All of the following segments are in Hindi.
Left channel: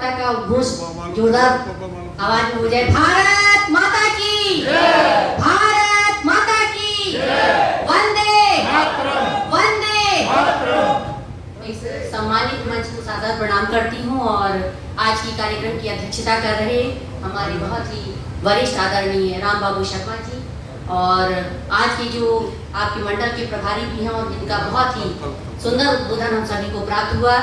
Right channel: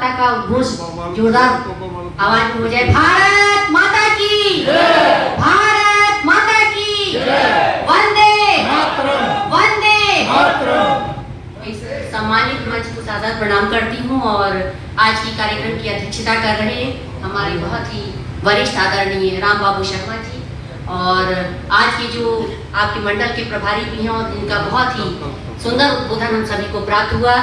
माता का उद्घोष जोरदार आवाज में हो जाए। भारत माता की, भारत माता की, वंदे वंदे। सम्मानित मंच को सादर प्रणाम करती हूँ और आज की कार्यक्रम की अध्यक्षता कर रहे हमारे बहुत ही वरिष्ठ आदरणीय राम बाबू शर्मा जी और आज के जो आपके मंडल के प्रभारी भी हैं और जिनका बहुत ही सुंदर उद्बोधन हम सभी को प्राप्त हुआ।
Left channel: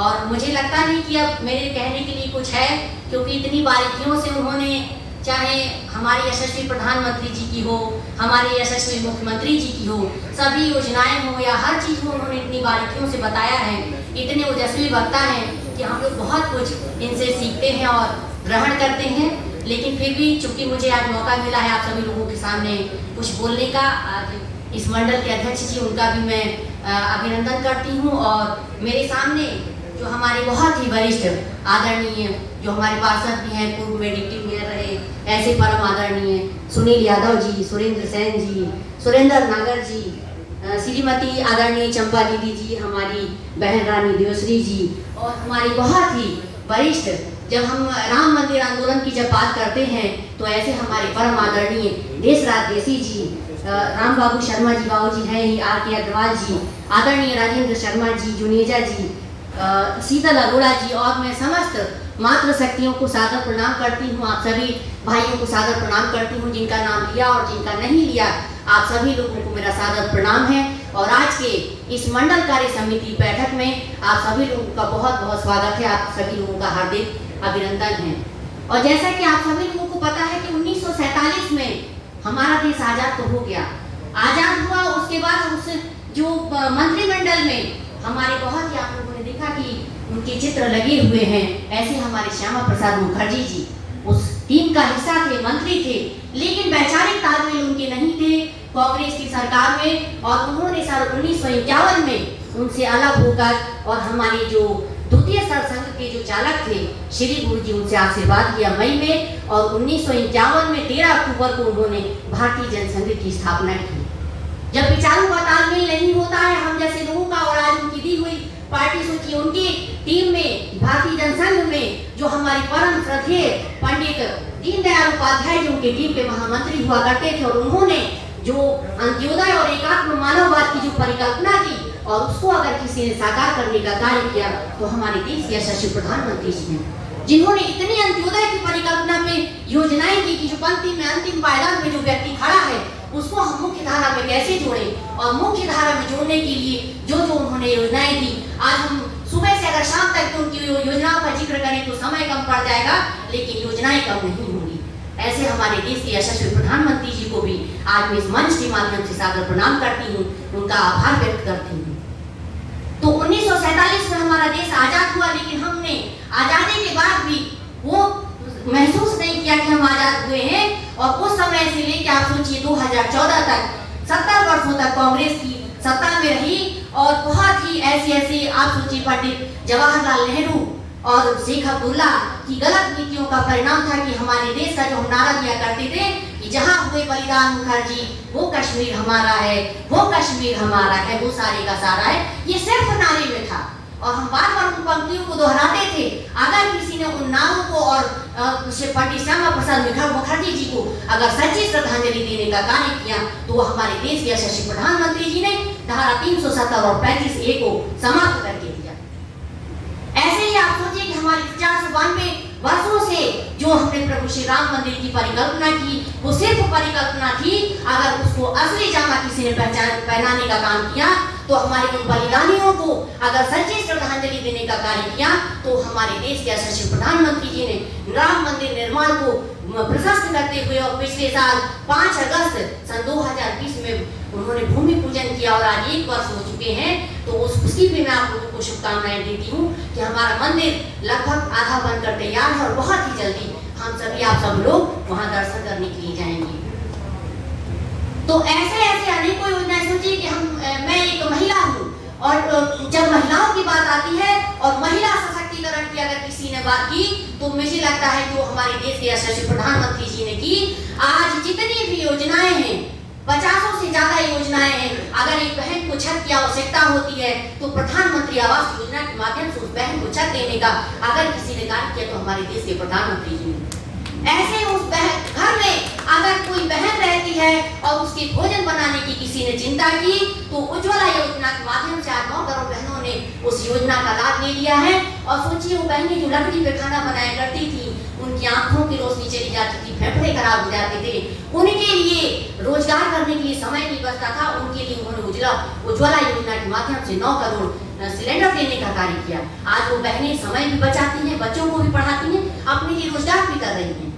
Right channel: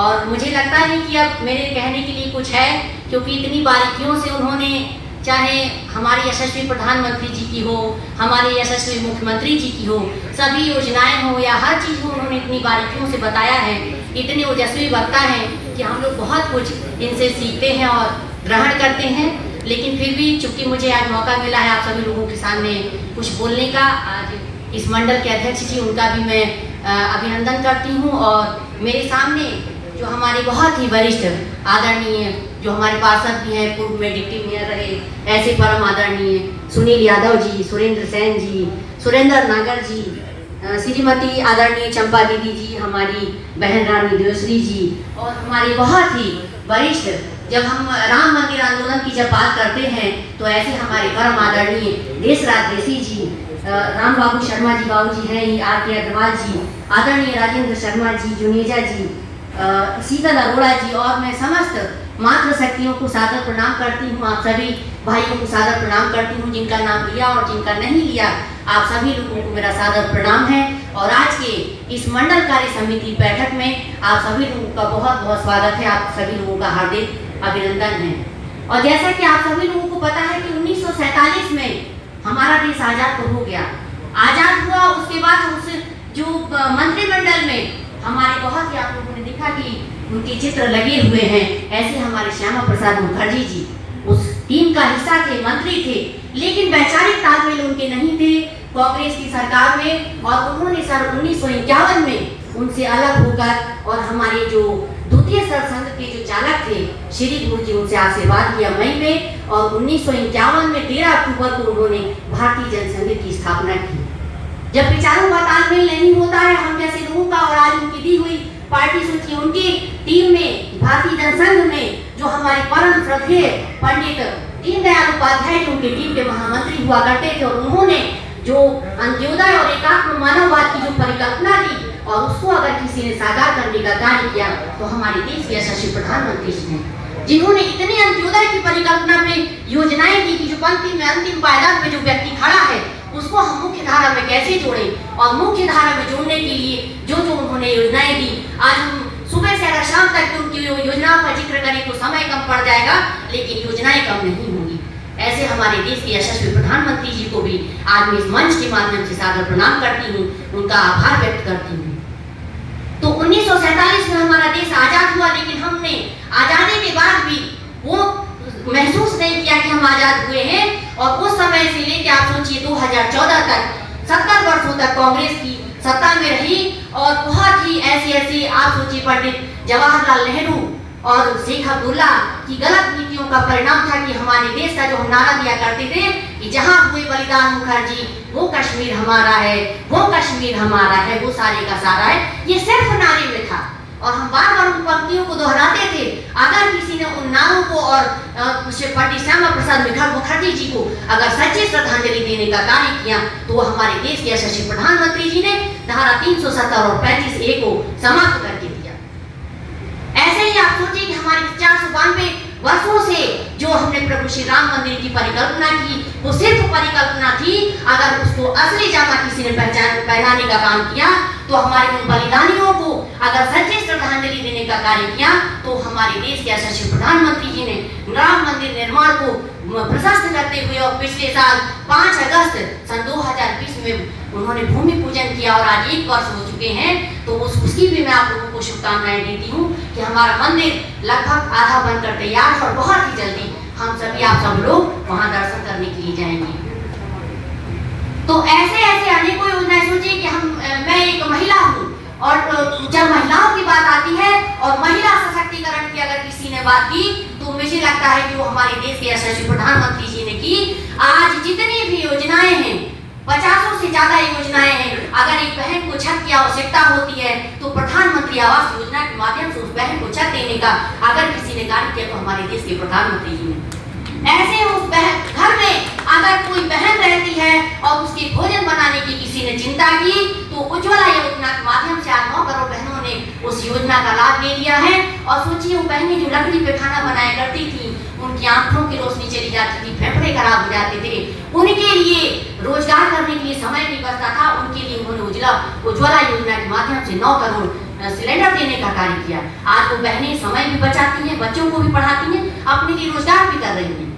और मुझे लगता है कि अब मेरे कहने के लिए कुछ है, क्योंकि इतनी बारीकियों से उन्होंने, चाहे हमारे यशस्वी प्रधानमंत्री जी की हो, हमारे यशस्वी मुख्यमंत्री जी की हो, सभी योजनाएं हो या हर चीज़ को उन्होंने इतनी बारीकियों से बताया है। इतने ओजस्वी वक्ता हैं कि हम लोग बहुत कुछ इनसे सीखते हैं और ग्रहण करते हैं। लेकिन फिर भी चूंकि मुझे आज मौका मिला है आप सभी लोगों के सामने कुछ बोलने का, आज इस मंडल के अध्यक्ष जी उनका भी मैं अभिनंदन करती हूँ। और मेरे सामने जो हमारे बहुत ही वरिष्ठ आदरणीय जो हमारे पार्षद भी हैं, पूर्व में डिप्टी मेयर रहे, ऐसे परम आदरणीय सुनील यादव जी, सुरेंद्र सेन जी, सुरेंद्र नागर जी, श्रीमती आदरणीय चंपा दीदी जी, हमारी बहन रानी देवश्री जी और हमारी बहुत ही वरिष्ठ, जब हम राम मंदिर आंदोलन की जब बात करते हैं तो ऐसे हमारे परम आदरणीय देशराज देसी जी, राम बाबू शर्मा जी बाबू जी हैं, आर के अग्रवाल जी, आदरणीय राजेंद्र शर्मा जी, जुनेजा जी, शीतल अरोड़ा जी और मैं समस्त मातृ शक्तियों को सादर प्रणाम करती हूँ। आप सभी भाइयों को सादर प्रणाम करती हूँ, जिनका नाम लिया और जिनका नहीं लिया, आप सभी लोगों को मेरा सादर प्रणाम है। और आज के इस मंडल कार्य समिति बैठक में आप सभी लोगों का बहुत बहुत स्वागत है, आप सभी लोगों का हार्दिक अभिनंदन है। और जैसा कि आप सभी लोगों को पता है कि 1947 में हमारा देश आजाद तो हो गया, आजाद हुआ, उसके बाद उस जो मंत्रिमंडल में हमारे बहुत ही आप लोगों ने देखा कि उनके चित्र लगे हुए हैं, ऐसे हमारे श्यामा प्रसाद मुखर्जी जी उस टीम का हिस्सा थे, मंत्री थे, लेकिन वैचारिक तालमेल उनके नहीं थे कांग्रेस की सरकार में। और उन्होंने साल 1951 में उनसे अलग होकर और हमारे जो द्वितीय सरसंघ के जो चालक थे श्री गुरु जी, उनसे आशीर्वाद लिया मई में। और 1951 में 13 अक्टूबर को उन्होंने भारतीय जनसंघ की स्थापना की। जब विचारों का तालमेल नहीं होता है हम जैसे लोगों का, और आज उनकी दी हुई पार्टी सूची, उनकी टीम में भारतीय जनसंघ में जो हमारे परम श्रद्धेय पंडित दीनदयाल उपाध्याय जो उनके टीम के महामंत्री हुआ करते थे, और उन्होंने जो अंत्योदय और एकात्म मानववाद की जो परिकल्पना दी और उसको अगर किसी ने साकार करने का कार्य किया तो हमारे देश के यशस्वी प्रधानमंत्री जी ने, जिन्होंने इतनी अंत्योदय की परिकल्पना पे योजनाएं दी कि जो पंक्ति में अंतिम पायदान में जो व्यक्ति खड़ा है उसको हम मुख्य धारा में कैसे जोड़ें। और मुख्य धारा में जोड़ने के लिए जो जो उन्होंने योजनाएं दी, आज हम सुबह से अगर शाम तक उनकी योजनाओं का जिक्र करें तो समय कम पड़ जाएगा, लेकिन योजनाएं कम नहीं होंगी। ऐसे हमारे देश के यशस्वी प्रधानमंत्री जी को भी आज मैं इस मंच के माध्यम से सादर प्रणाम करती हूँ, उनका आभार व्यक्त करती हूँ। तो 1947 में हमारा देश आजाद हुआ, लेकिन हमने आजादी के बाद भी वो महसूस नहीं किया कि हम आजाद हुए हैं। और उस समय से लेकर आप सोचिए 2014 तक 70 वर्षों तक कांग्रेस की सत्ता में रही। और बहुत ही ऐसे आप सोचिए पंडित जवाहरलाल नेहरू और शेख अब्दुल्ला की गलत नीतियों का परिणाम था कि हमारे देश का जो हम नारा दिया करते थे कि जहां हुए बलिदान मुखर्जी वो कश्मीर हमारा है, वो कश्मीर हमारा है, वो सारे का सारा है, ये सिर्फ नारे में था। और हम बार बार उन पंक्तियों को दोहराते थे। अगर किसी ने उन नारों को और पंडित श्यामा प्रसाद मुखर्जी जी को अगर सच्ची श्रद्धांजलि देने का कार्य किया तो वो हमारे देश के यशस्वी प्रधानमंत्री जी ने धारा 370 और 35A को समाप्त करके दिया। ऐसे ही आप सोचिए कि हमारे 492 वर्षों से जो हमने प्रभु श्री राम मंदिर की परिकल्पना की, वो सिर्फ परिकल्पना थी। अगर उसको असली जामा किसी ने पहनाने का काम किया तो हमारे उन बलिदानियों को अगर सच्ची श्रद्धांजलि देने का कार्य किया तो हमारे देश के यशस्वी प्रधानमंत्री जी ने राम मंदिर निर्माण को प्रशस्त करते हुए और पिछले साल 5 अगस्त सन 2020 में उन्होंने भूमि पूजन किया और आज 1 वर्ष हो चुके हैं। तो उसकी भी मैं आप लोगों को शुभकामनाएं देती हूँ कि हमारा मंदिर लगभग आधा बनकर तैयार है और बहुत ही जल्दी हम सभी आप सब लोग वहाँ दर्शन करने के लिए जाएंगे। तो ऐसे अनेकों योजनाएं सोचिए कि मैं एक महिला हूँ और जब महिलाओं की बात आती है और महिला सशक्तिकरण की अगर किसी ने बात की तो मुझे लगता है कि वो हमारे देश के यशस्वी प्रधानमंत्री जी ने की। आज जितनी भी योजनाएं हैं 50 से ज्यादा योजनाएं हैं। अगर एक बहन को छत की आवश्यकता होती है तो प्रधानमंत्री आवास योजना के माध्यम से उस बहन को छत देने का अगर किसी ने कार्य किया तो हमारे देश के प्रधानमंत्री जी ने। ऐसे उस बहन घर में अगर कोई बहन रहती है और उसके भोजन बनाने की किसी ने चिंता की तो उज्ज्वला योजना के माध्यम से आज 9 करोड़ बहनों ने उस योजना का लाभ ले लिया है। और सोचिए वो बहनें जो लकड़ी पे खाना बनाया करती थी, उनकी आंखों की रोशनी चली जाती थी, फेफड़े खराब हो जाते थे, उनके लिए रोजगार करने के लिए समय नहीं बचता था, उनके लिए उन्होंने उज्ज्वला योजना के माध्यम से 9 करोड़ सिलेंडर देने का कार्य किया। आज वो बहनें समय भी बचाती हैं, बच्चों को भी पढ़ाती हैं, अपने लिए रोजगार भी कर रही हैं।